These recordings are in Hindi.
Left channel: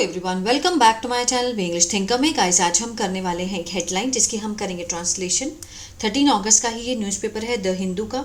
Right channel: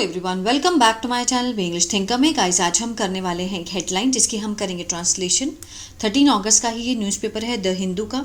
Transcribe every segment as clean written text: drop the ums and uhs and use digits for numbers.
Everyone, welcome back to my channel English thinker में। गाइस, आज हम करने वाले हैं एक हेडलाइन जिसकी हम करेंगे ट्रांसलेशन। 13 अगस्त का ही ये न्यूज़पेपर है द हिंदू का।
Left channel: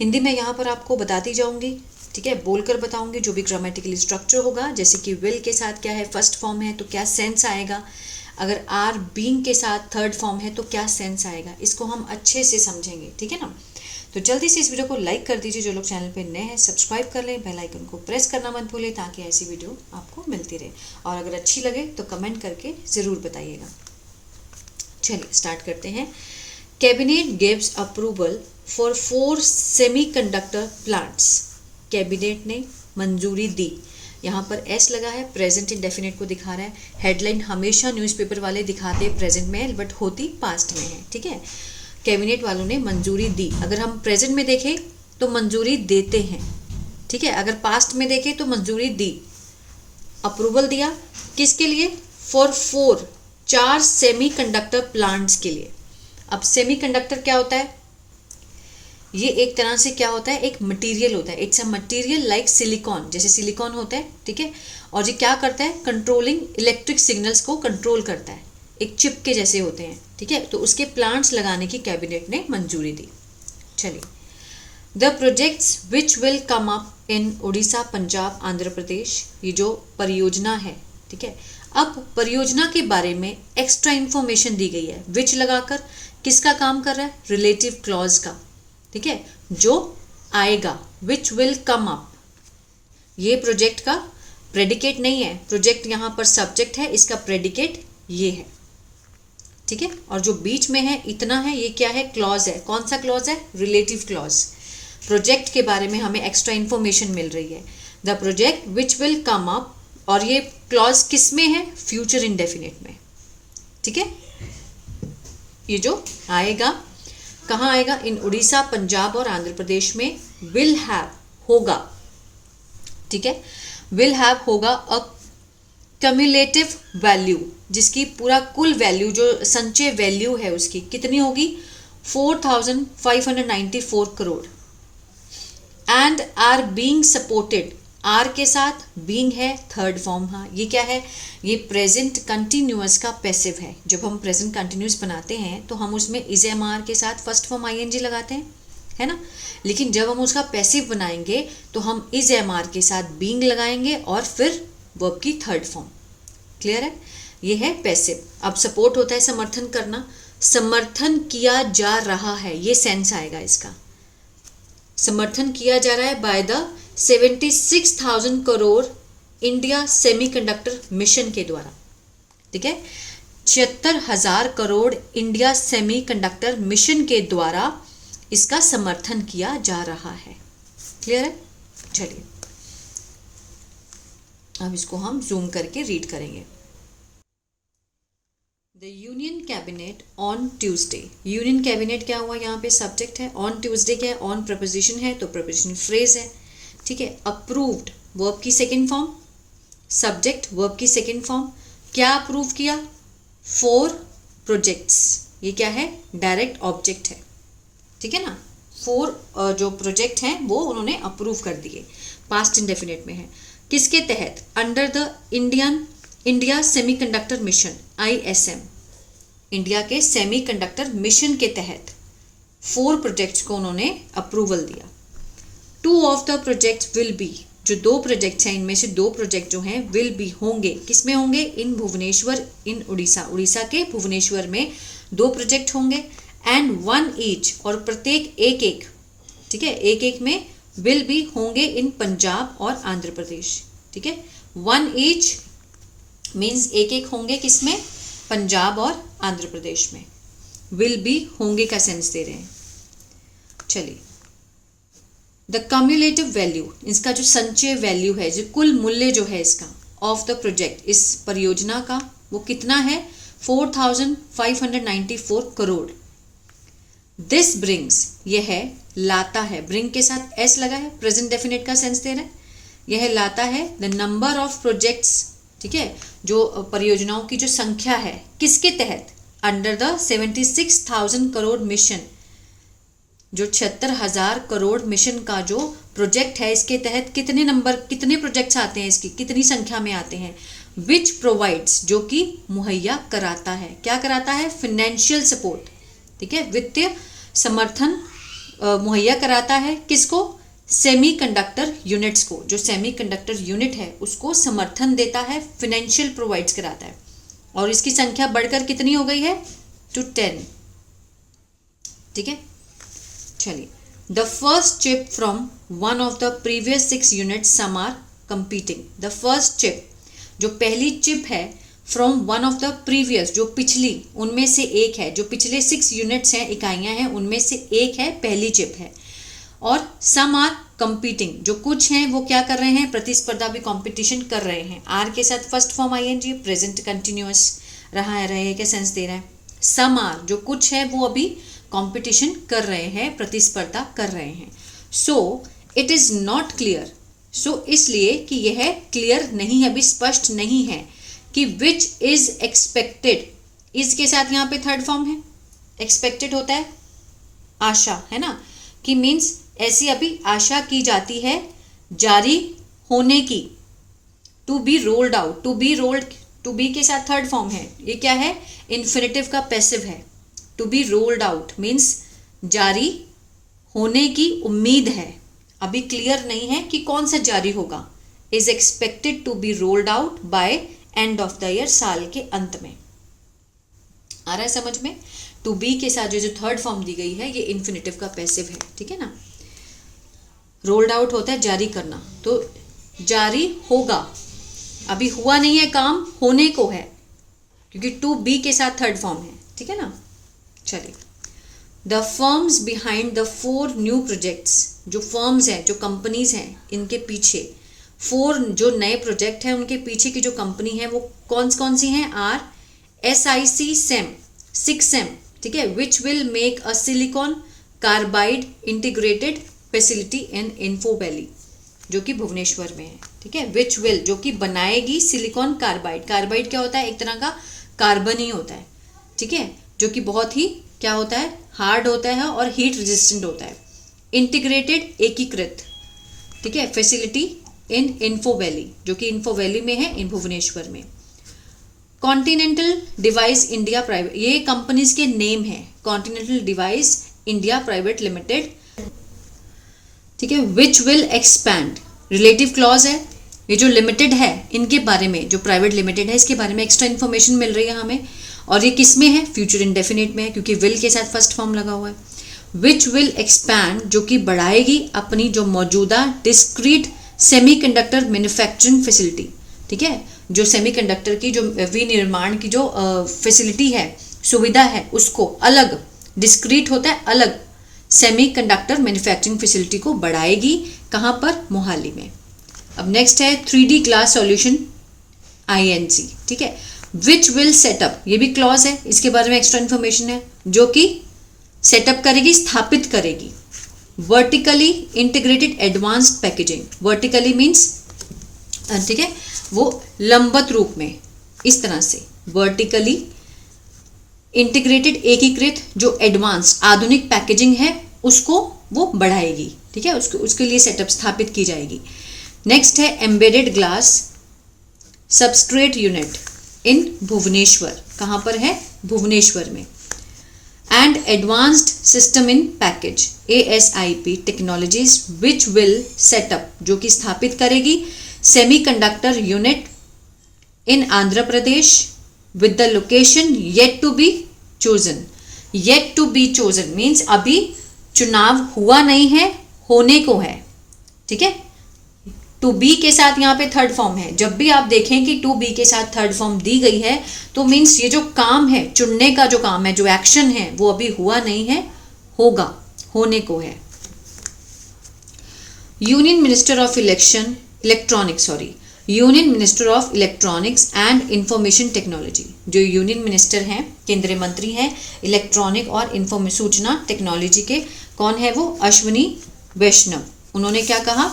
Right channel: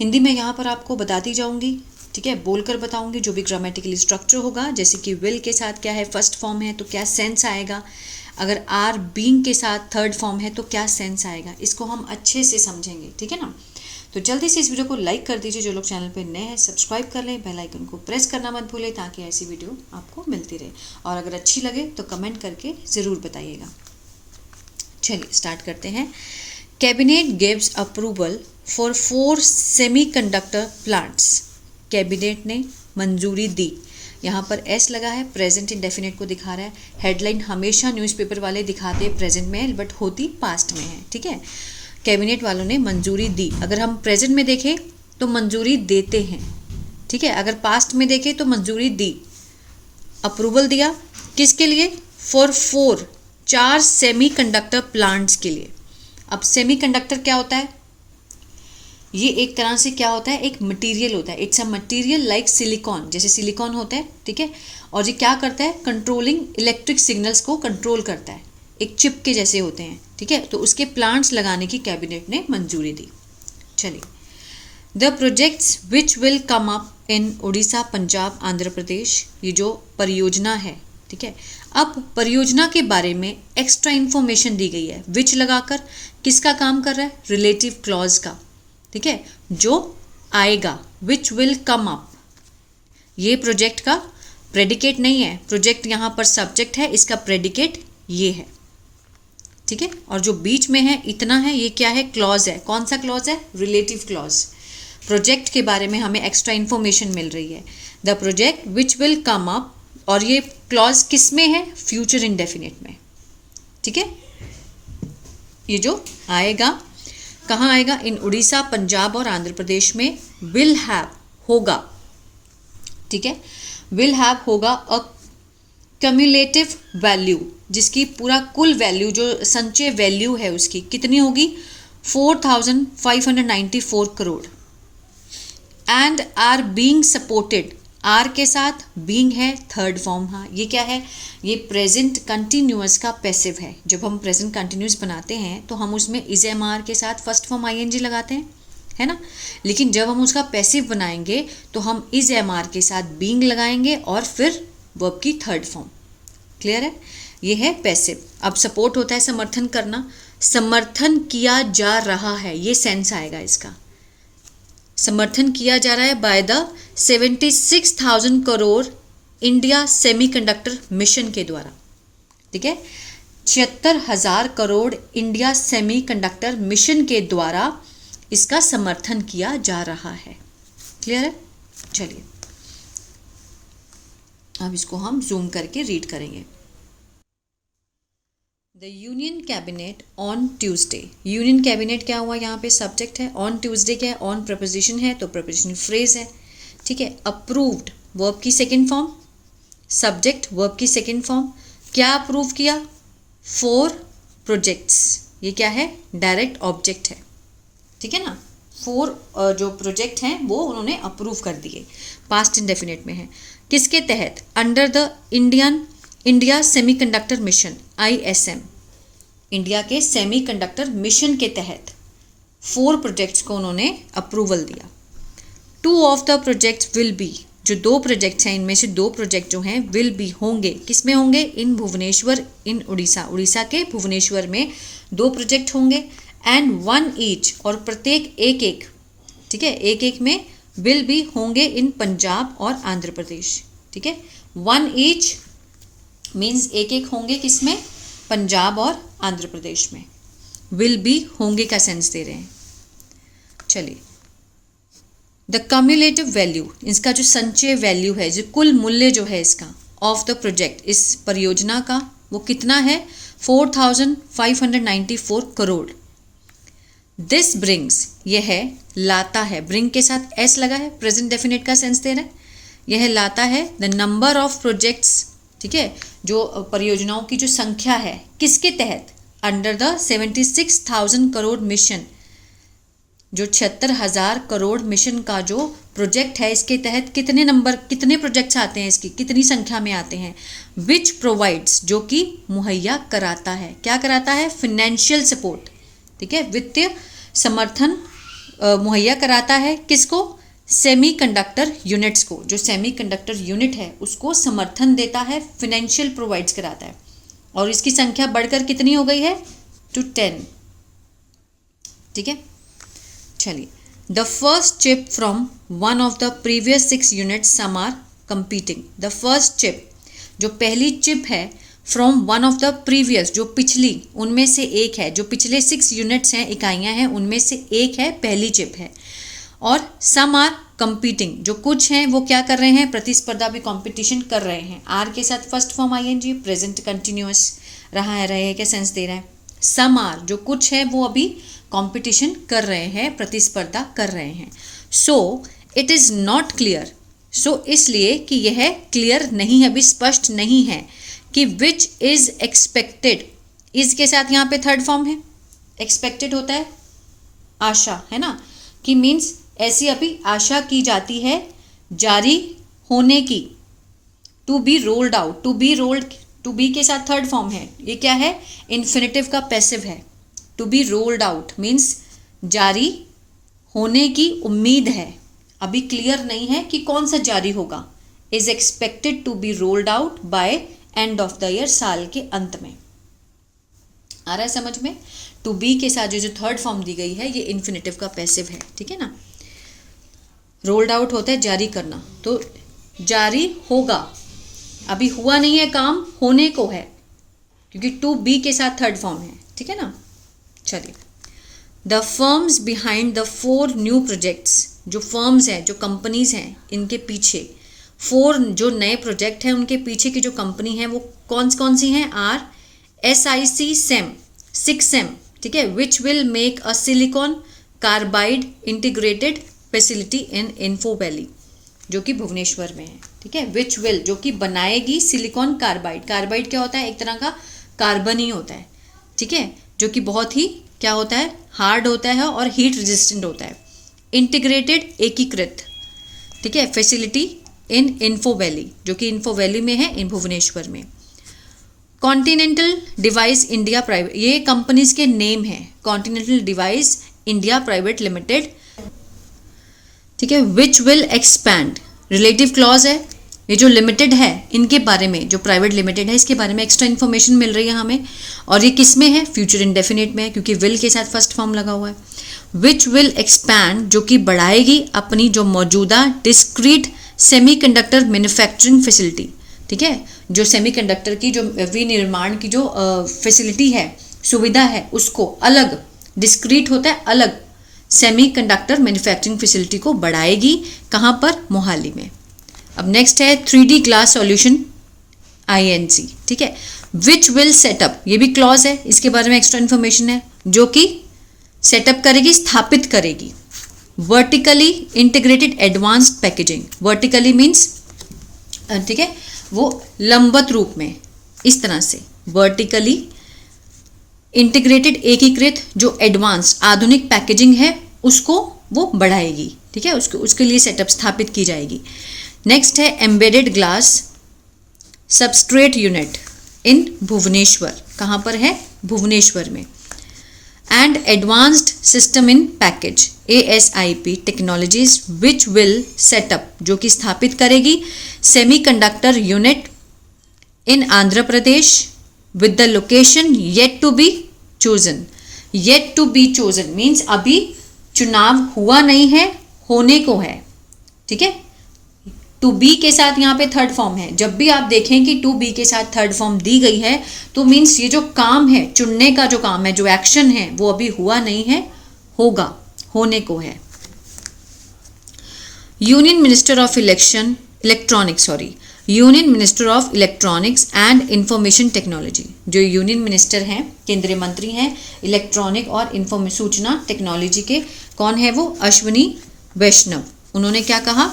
हिंदी में यहाँ पर आपको बताती जाऊँगी, ठीक है, बोलकर बताऊँगी। जो भी ग्रामेटिकली स्ट्रक्चर होगा, जैसे कि विल के साथ क्या है, फर्स्ट फॉर्म है तो क्या सेंस आएगा, अगर आर बीइंग के साथ थर्ड फॉर्म है तो क्या सेंस आएगा, इसको हम अच्छे से समझेंगे, ठीक है ना। तो जल्दी से इस वीडियो को लाइक कर दीजिए। जो लोग चैनल पे नए हैं सब्सक्राइब कर लें, बेल आइकन को प्रेस करना मत भूलें ताकि ऐसी वीडियो आपको मिलती रहे। और अगर अच्छी लगे तो कमेंट करके ज़रूर बताइएगा। चलिए स्टार्ट करते हैं। Cabinet gives approval for 4 semiconductor plants. Cabinet ने मंजूरी दी। यहाँ पर एस लगा है, प्रेजेंट इंडेफिनिट को दिखा रहा है। हेडलाइन हमेशा न्यूज़पेपर वाले दिखाते प्रेजेंट में है, बट होती पास्ट में है, ठीक है। कैबिनेट वालों ने मंजूरी दी। अगर हम प्रेजेंट में देखें तो मंजूरी देते हैं, ठीक है। अगर पास्ट में देखें तो मंजूरी दी, अप्रूवल दिया। किसके लिए? फॉर 4 सेमीकंडक्टर प्लांट्स के लिए। अब सेमीकंडक्टर क्या होता है? ये एक तरह से क्या होता है, एक मटेरियल होता है। It's a material like silicon, जैसे सिलिकॉन होता है, ठीक है। और ये क्या करता है? कंट्रोलिंग इलेक्ट्रिक सिग्नल्स को कंट्रोल करता है। एक चिप के जैसे होते हैं, ठीक है। तो उसके प्लांट्स लगाने की कैबिनेट ने मंजूरी दी। चलिए, the projects which will come up in Orissa, Punjab, Andhra Pradesh, ये जो परियोजना है, ठीक है। अब परियोजना के बारे में एक्स्ट्रा इन्फॉर्मेशन दी गई है। विच लगाकर किसका काम कर रहा है? रिलेटिव क्लॉज का, ठीक है। जो आएगा, विच विल कम अप, ये प्रोजेक्ट का प्रेडिकेट नहीं है। प्रोजेक्ट यहाँ पर सब्जेक्ट है, इसका प्रेडिकेट ये है, ठीक है। और जो बीच में है इतना है, ये क्या है? क्लॉज है। कौन सा क्लॉज है? Relative clause. प्रोजेक्ट के बारे में हमें एक्स्ट्रा इन्फॉर्मेशन मिल रही है। The project which will come up, और ये क्लॉज किस में है? फ्यूचर इंडेफिनिट में, ठीक है। ये जो आएगा, कहाँ आएगा? इन उड़ीसा, पंजाब और आंध्र प्रदेश में। विल हैव होगा, ठीक है। विल हैव होगा अ कम्युलेटिव वैल्यू, जिसकी पूरा कुल वैल्यू, जो संचय वैल्यू है उसकी कितनी होगी? 4594 crore. And are being supported, are के साथ बीइंग है थर्ड फॉर्म। हाँ, ये क्या है? ये प्रेजेंट कंटिन्यूअस का पैसिव है। जब हम प्रेजेंट कंटिन्यूअस बनाते हैं तो हम उसमें इज एम आर के साथ फर्स्ट फॉर्म आईएनजी लगाते हैं, है ना। लेकिन जब हम उसका पैसिव बनाएंगे तो हम इज एम आर के साथ बीइंग लगाएंगे और फिर वर्ब की थर्ड फॉर्म। क्लियर है? ये है पैसिव। अब सपोर्ट होता है समर्थन करना। समर्थन किया जा रहा है, ये सेंस आएगा इसका। समर्थन किया जा रहा है by the 76,000 crore India semiconductor mission के द्वारा, ठीक है। 76,000 करोड़ इंडिया सेमीकंडक्टर मिशन के द्वारा इसका समर्थन किया जा रहा है। क्लियर है? चलिए, अब इसको हम जूम करके रीड करेंगे। The union cabinet on Tuesday. Union cabinet क्या हुआ? यहाँ पे सब्जेक्ट है। ऑन ट्यूसडे क्या है? ऑन प्रपोजिशन है, तो प्रपोजिशन फ्रेज है, ठीक है। अप्रूव्ड वर्ब की सेकेंड फॉर्म, सब्जेक्ट वर्ब की सेकेंड फॉर्म। क्या अप्रूव किया? 4 प्रोजेक्ट्स। ये क्या है? डायरेक्ट ऑब्जेक्ट है, ठीक है ना। 4 जो प्रोजेक्ट हैं वो उन्होंने अप्रूव कर दिए। पास्ट इंडेफिनिट में है। किसके तहत? Under the India semiconductor mission, ISM, India के सेमीकंडक्टर मिशन के तहत 4 प्रोजेक्ट्स को उन्होंने अप्रूवल दिया। 2 of the projects will be, जो 2 प्रोजेक्ट्स हैं इनमें से 2 प्रोजेक्ट जो हैं विल बी होंगे। किस में होंगे? इन भुवनेश्वर, इन उड़ीसा, उड़ीसा के भुवनेश्वर में 2 प्रोजेक्ट होंगे। एंड 1 ईच, और प्रत्येक एक एक, ठीक है, एक एक में विल भी होंगे इन पंजाब और आंध्र प्रदेश, ठीक है। 1 ईच मीन्स एक एक होंगे, किसमें? पंजाब और आंध्र प्रदेश में। विल भी होंगे का सेंस दे रहे हैं। चलिए, द कम्युलेटिव वैल्यू, इसका जो संचय वैल्यू है, जो कुल मूल्य जो है इसका, ऑफ द प्रोजेक्ट, इस परियोजना का, वो कितना है? 4594 करोड़। दिस ब्रिंग्स, यह है, लाता है, ब्रिंग के साथ एस लगा है, प्रेजेंट डेफिनेट का सेंस दे रहा है। यह लाता है द नंबर ऑफ प्रोजेक्ट्स, ठीक है, जो परियोजनाओं की जो संख्या है, किसके तहत? अंडर द 76,000 करोड़ मिशन, जो 76,000 करोड़ मिशन का जो प्रोजेक्ट है, इसके तहत कितने प्रोजेक्ट्स आते हैं, इसकी कितनी संख्या में आते हैं। विच प्रोवाइड्स, जो कि मुहैया कराता है, क्या कराता है, फिनेंशियल सपोर्ट, ठीक है, वित्तीय समर्थन मुहैया कराता है किसको, सेमीकंडक्टर यूनिट्स को, जो सेमीकंडक्टर यूनिट है उसको समर्थन देता है, फिनेंशियल प्रोवाइड्स कराता है। और इसकी संख्या बढ़कर कितनी हो गई है, टू 10, ठीक है। चलिए, the first chip from one of the previous 6 units some are competing. The first chip, जो पहली चिप है, from one of the previous, जो पिछली उनमें से एक है, जो पिछले 6 यूनिट्स हैं, इकाइयां हैं, उनमें से एक है, पहली चिप है। और सम आर कंपीटिंग, जो कुछ हैं वो क्या कर रहे हैं, प्रतिस्पर्धा भी, कंपटीशन कर रहे हैं। आर के साथ first form ING, present continuous रहा है, रहे क्या सेंस दे रहा है। सम आर, जो कुछ है वो अभी कंपटीशन कर रहे हैं, प्रतिस्पर्धा कर रहे हैं। So it is not clear, so इसलिए कि यह क्लियर नहीं है, अभी स्पष्ट नहीं है कि विच इज एक्सपेक्टेड। इज के साथ यहाँ पे थर्ड फॉर्म है, एक्सपेक्टेड होता है आशा, है ना, कि मीन्स ऐसी अभी आशा की जाती है जारी होने की। To be rolled out, to be के साथ थर्ड फॉर्म है, ये क्या है, इन्फिनिटिव का पैसिव है। To be rolled out means जारी होने की उम्मीद है, अभी क्लियर नहीं है कि कौन सा जारी होगा। Is expected to be rolled out by end of the year, साल के अंत में। आ रहा है समझ में। टू बी के साथ जो थर्ड फॉर्म दी गई है ये इन्फिनिटिव का पैसिव है, ठीक है ना। रोल्ड आउट होता है जारी करना, तो जारी होगा, अभी हुआ नहीं है काम, होने को है, क्योंकि टू बी के साथ थर्ड फॉर्म है, ठीक है ना। चलिए, the firms behind the 4 new projects, जो फर्म्स हैं, जो कंपनीज हैं, इनके पीछे 4 जो नए प्रोजेक्ट हैं, उनके पीछे की जो कंपनी है वो कौन सी हैं, आर SIC SEM, 6 SEM, ठीक है, which will make a silicon carbide integrated facility in info valley, जो कि भुवनेश्वर में है, ठीक है। विच विल, जो कि बनाएगी सिलिकॉन कार्बाइड। कार्बाइड क्या होता है, एक तरह का कार्बन ही होता है, ठीक है, जो कि बहुत ही क्या होता है, हार्ड होता है और हीट रेजिस्टेंट होता है। इंटीग्रेटेड, एकीकृत, ठीक है, फैसिलिटी इन इन्फो वैली, जो कि इन्फो वैली में है, इन भुवनेश्वर में। कॉन्टिनेंटल डिवाइस इंडिया प्राइवेट, ये कंपनीज के नेम है, continental device India private limited, ठीक है। Which will expand, relative clause है, ये जो लिमिटेड है इनके बारे में, जो प्राइवेट लिमिटेड है इसके बारे में एक्स्ट्रा इन्फॉर्मेशन मिल रही है हमें। और ये किस में है, फ्यूचर इंडेफिनिट में है, क्योंकि विल के साथ फर्स्ट फॉर्म लगा हुआ है। विच विल एक्सपैंड, जो कि बढ़ाएगी अपनी जो मौजूदा डिस्क्रीट सेमीकंडक्टर मैन्युफैक्चरिंग फैसिलिटी, ठीक है, जो सेमीकंडक्टर की जो विनिर्माण की जो फैसिलिटी है, सुविधा है, उसको अलग, डिस्क्रीट होता है अलग, सेमीकंडक्टर मैन्युफैक्चरिंग फैसिलिटी को बढ़ाएगी, कहाँ पर, मोहाली में। अब नेक्स्ट है 3D ग्लास सॉल्यूशन INC, ठीक है। विच विल सेटअप, ये भी क्लॉज है, इसके बारे में एक्स्ट्रा इन्फॉर्मेशन है, जो कि सेटअप करेगी, स्थापित करेगी। Vertically integrated advanced packaging, vertically means, ठीक है, वो लंबवत रूप में, इस तरह से वर्टिकली इंटीग्रेटेड, एकीकृत जो एडवांस आधुनिक पैकेजिंग है उसको वो बढ़ाएगी, ठीक है, उसके लिए सेटअप स्थापित की जाएगी। नेक्स्ट है embedded glass substrate unit in Bhubaneswar, कहाँ पर है, भुवनेश्वर में। And advanced system in package ASIP technologies which will set up, जो कि स्थापित करेगी semiconductor unit in Andhra Pradesh with the location yet to be chosen. Yet to be chosen means अभी चुनाव हुआ नहीं है, होने को है, ठीक है। टू बी के साथ यहाँ पे थर्ड फॉर्म है, जब भी आप देखें कि टू बी के साथ थर्ड फॉर्म दी गई है तो मीन्स ये जो काम है, चुनने का जो काम है, जो एक्शन है, वो अभी हुआ नहीं है, होगा, होने को है। Union minister of union minister of electronics and information technology, जो यूनियन मिनिस्टर हैं, केंद्रीय मंत्री हैं इलेक्ट्रॉनिक और सूचना टेक्नोलॉजी के, कौन है वो, अश्विनी वैष्णव। उन्होंने क्या कहा,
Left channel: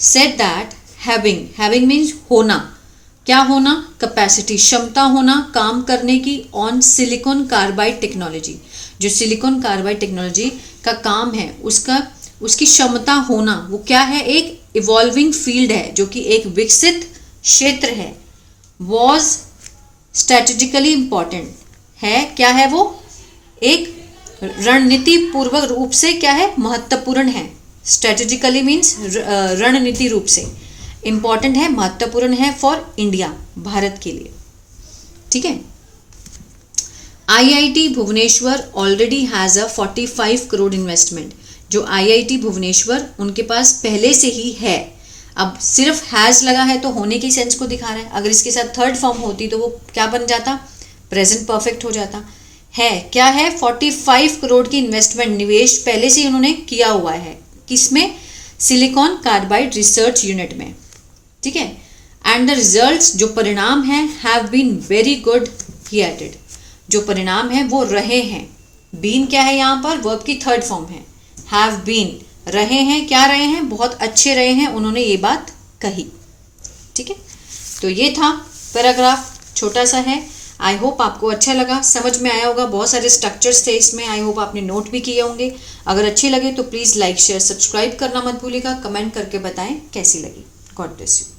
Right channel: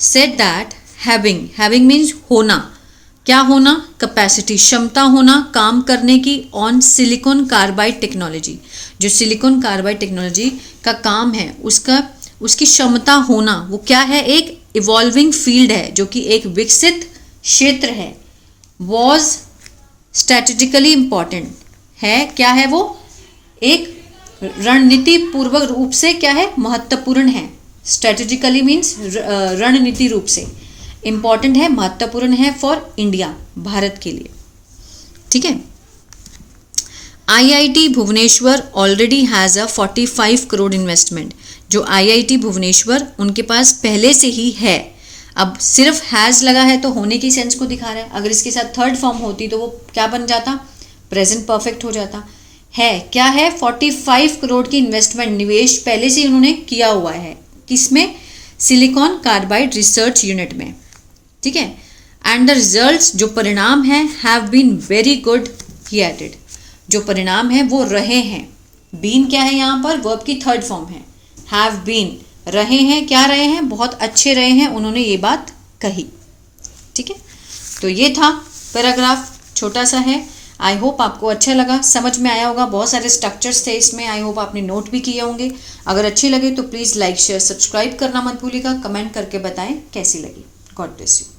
सेड दैट हैविंग मीन्स होना, क्या होना, कैपेसिटी, क्षमता होना काम करने की, ऑन सिलिकॉन कार्बाइड टेक्नोलॉजी, जो सिलिकॉन कार्बाइड टेक्नोलॉजी का काम है उसकी क्षमता होना वो क्या है, एक इवॉल्विंग फील्ड है जो कि एक विकसित क्षेत्र है। वॉज स्ट्रेटेजिकली इम्पॉर्टेंट है, क्या है वो, एक रणनीति पूर्वक रूप से क्या है, महत्वपूर्ण है। स्ट्रेटेजिकली मीन्स रणनीति रूप से, इम्पॉर्टेंट है, महत्वपूर्ण है फॉर इंडिया, भारत के लिए। ठीक है। IIT Bhubaneswar already has a 45 crore investment. जो IIT भुवनेश्वर उनके पास पहले से ही है। अब सिर्फ हैज़ लगा है तो होने की सेंस को दिखा रहा है। अगर इसके साथ थर्ड फॉर्म होती तो वो क्या बन जाता, प्रेजेंट परफेक्ट हो जाता। है क्या है, 45 करोड़ की इन्वेस्टमेंट, निवेश पहले से उन्होंने किया हुआ है। किसमें, सिलिकॉन कार्बाइड रिसर्च यूनिट में। ठीक है। एंड द रिजल्ट्स, जो परिणाम हैं, have been very good he added. जो परिणाम है वो रहे हैं। बीन क्या है यहाँ पर, वर्ब की थर्ड फॉर्म है। हैव बीन, रहे हैं, क्या रहे हैं, बहुत अच्छे रहे हैं, उन्होंने ये बात कही। ठीक है। तो ये था पैराग्राफ, छोटा सा है। आई होप आपको अच्छा लगा, समझ में आया होगा। बहुत सारे स्ट्रक्चर्स थे इसमें, आई होप आपने नोट भी किए होंगे। अगर अच्छी लगे तो प्लीज़ लाइक शेयर सब्सक्राइब करना मत भूलिएगा। कमेंट करके बताएं कैसी लगी। God bless you.